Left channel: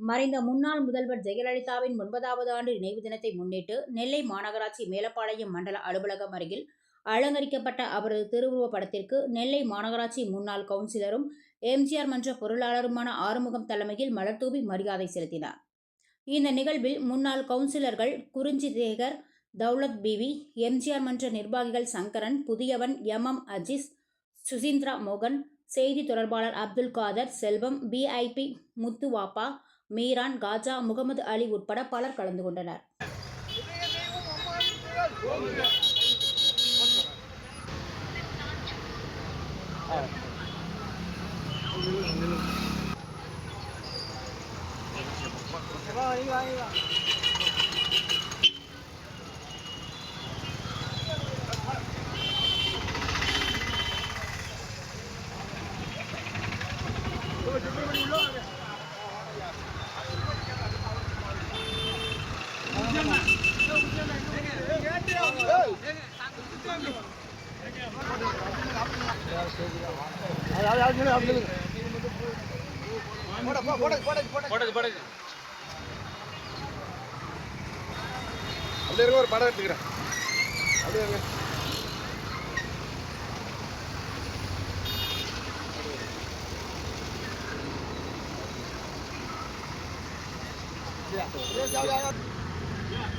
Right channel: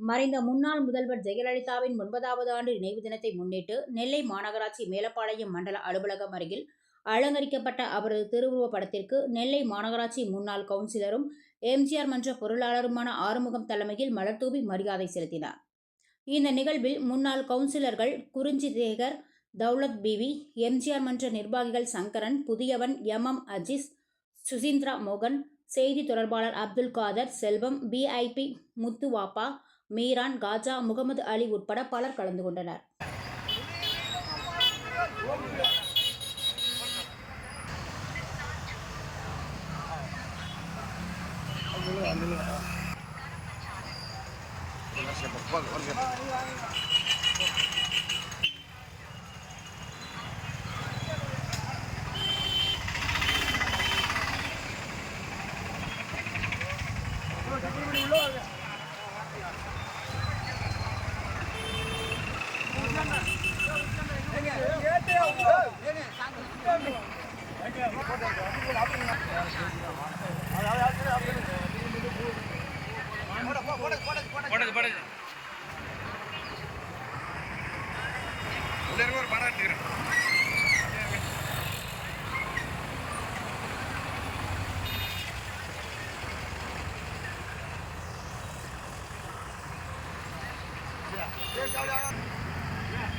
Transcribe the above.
மறைந்த முன்னாள் முதல்வர் ஜெயலலிதாவின் ஒன்பதாவது ஆண்டு நினைவு தினத்தை முன்னிட்டு நெல்லை மாநகராட்சி மேலப்பாளையம் மண்டல அலுவலகம் அருகில் அலங்கரிக்கப்பட்ட அவரது திருவுருவப் படத்திற்கு நெல்லை மாநகராட்சி முன்னாள் கவுன்சிலரும் எம்ஜிஆர் மன்ற பொருளாளருமான ஆறுமுகம் தலைமையில் மலர்தூவி மரியாதை செலுத்தினார். இந்த நிகழ்வில் முன்னாள் கவுன்சிலர்கள் குறிஞ்சி சேகர் தௌலத் பிவி எம்ஜிஆர் மன்ற நிர்வாகிகள் சங்கரன் புதியவன் எம் எம் அஜிஸ் சுசீந்திரா மோகன் செய்தி தொடர்பாளர் அப்துல் காதர் செல்வம் பிஐபி முத்துவாப்பா மீரான் காஜா முகமது அலி உட்பட பலர் கலந்து கொண்டனர். போடுது போடுது. அப்படியே ஒரு படம் எடுத்துக்கிறேன். அப்படியே Yeah.